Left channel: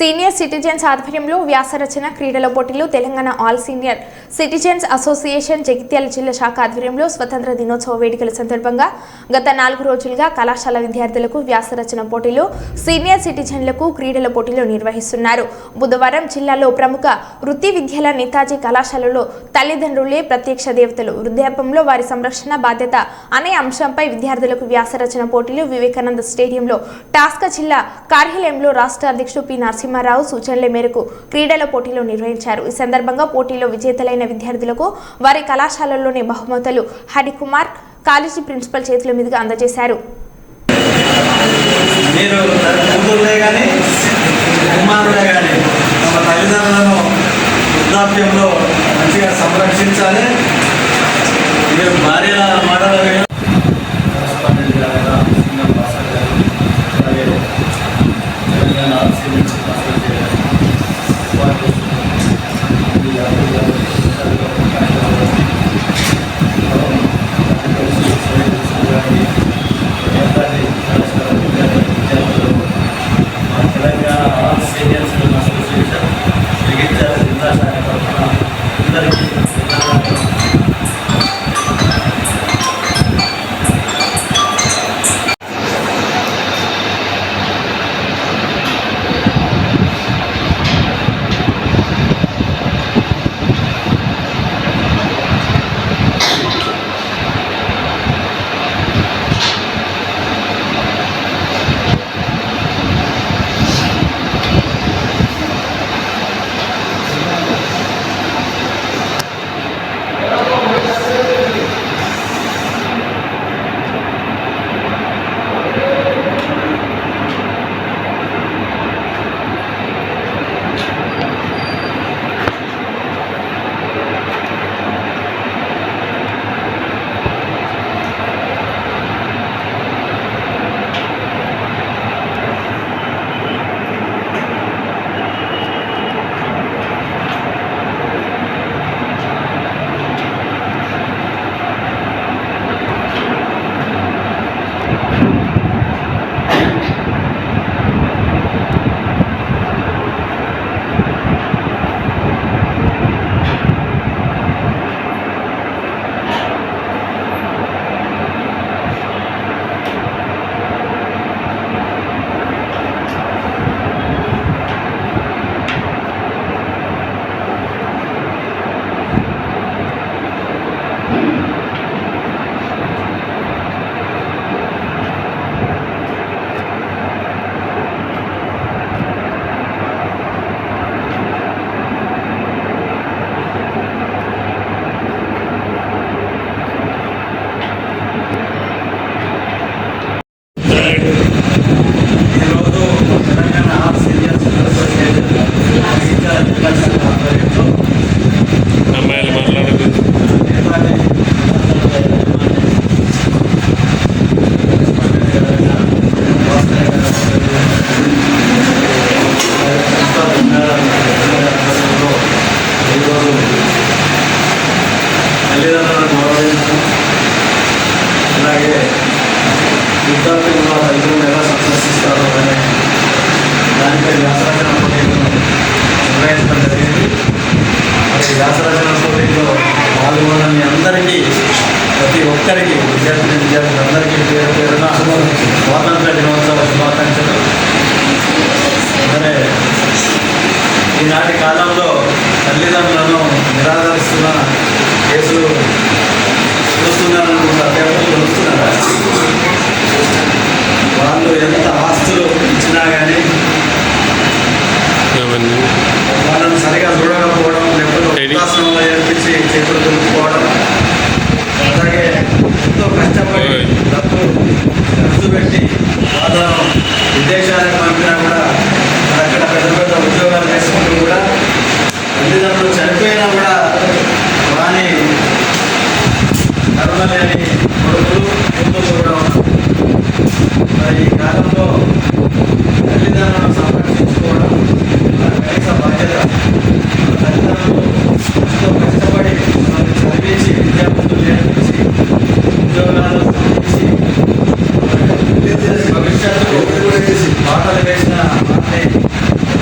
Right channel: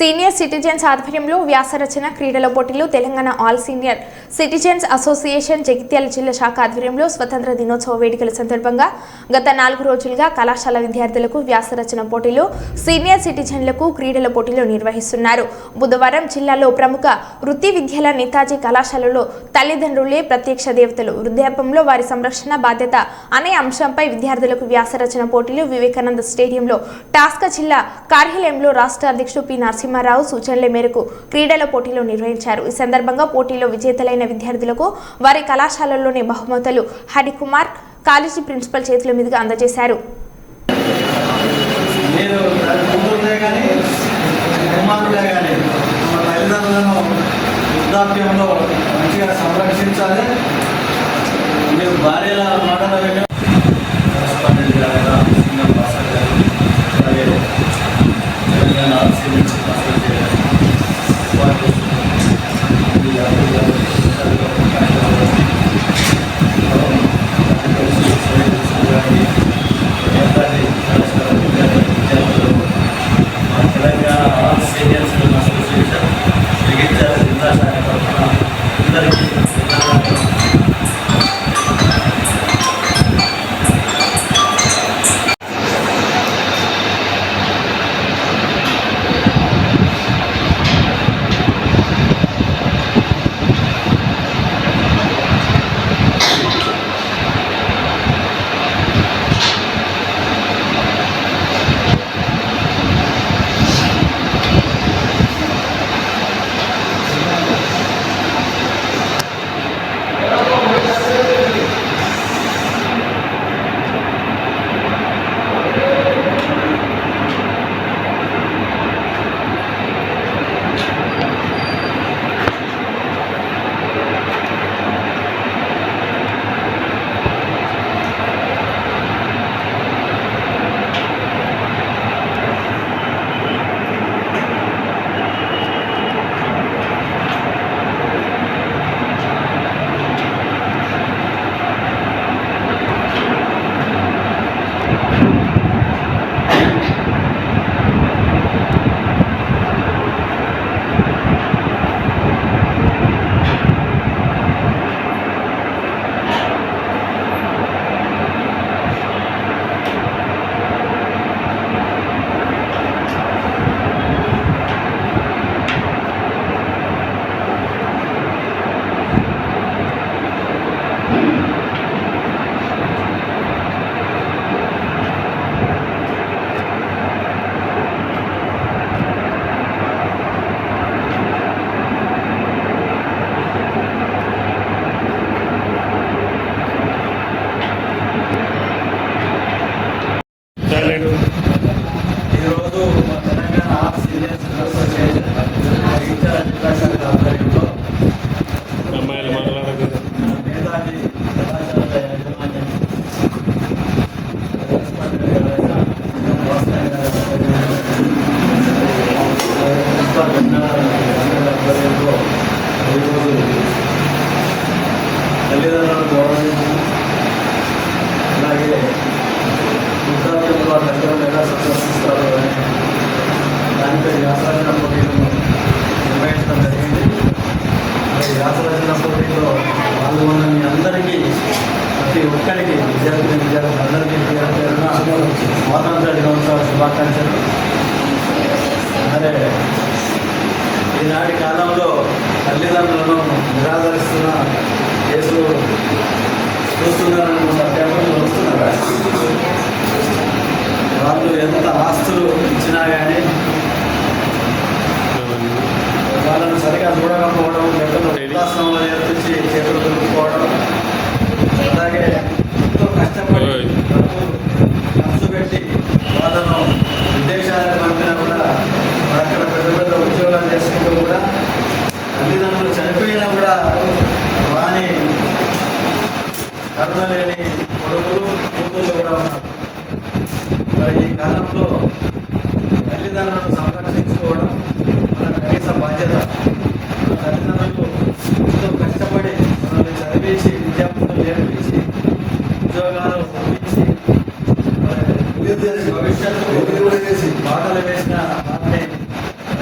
Senior citizens ఆధ్వర్యంలో వ్యాసరచన క్రీడల పోటీలు Telangana all senior citizens association Jagtial జిల్లా శాఖ ఆధ్వర్యంలో స్వతంత్ర దినోత్సవ వేడుకల సందర్భంగా గత నాలుగు రోజులుగా కళాశాల విద్యార్థులకు వ్యాసరచన పోటీలు సీనియర్ సిటిజన్లకు క్రీడల పోటీలు నిర్వహిస్తున్నారు. బుధవారం జిల్లాలో ప్రముఖ వృత్తి విద్యల నేతాజీ కళాశాలలో తల్లిదండ్రులే ప్రత్యక్ష దేవతలు. వృద్ధాపంలో వారి సంరక్షణ బాధ్యత అనే అంశంపై విద్యార్థులకు వ్యాసరచన పోటీలు వివేకానంద స్టేడియంలో టాస్క జిల్లా కార్యాలయంలో రాష్ట్ర అధ్యక్షుడు పి. నరసింహారావు సూచనల మేరకు క్రీడల పోటీలు నిర్వహించారు. ఈ సందర్భంగా పోటీలో విజేతలైన విద్యార్థులకు వారి కళాశాలలోని బహుమతులు హరికుమార్ కాలేజీ ప్రిన్సిపల్ చేతుల మీదుగా అందజేశారు. మీరు వృద్ధాప్యంలో మంచిగా సంరక్షించాలి. మీరు అలాగే విద్యార్థులు ఫలితం ఎలా సక్సెస్ అనే దానిపై వ్యాసరచన పోటీలను నిర్వహించడం జరిగింది. మరి వ్యాసరచన పోటీల్లో పాల్గొన్న మీ అందరికీ ప్రతి ఒక్కరికి విద్యార్థిని విద్యార్థులందరికీ పేరు పేరున స్వాతంత్ర దినోత్సవ శుభాకాంక్షలు. ఈనాటి కాలంలో తల్లిదండ్రులను నిరాదరిస్తున్న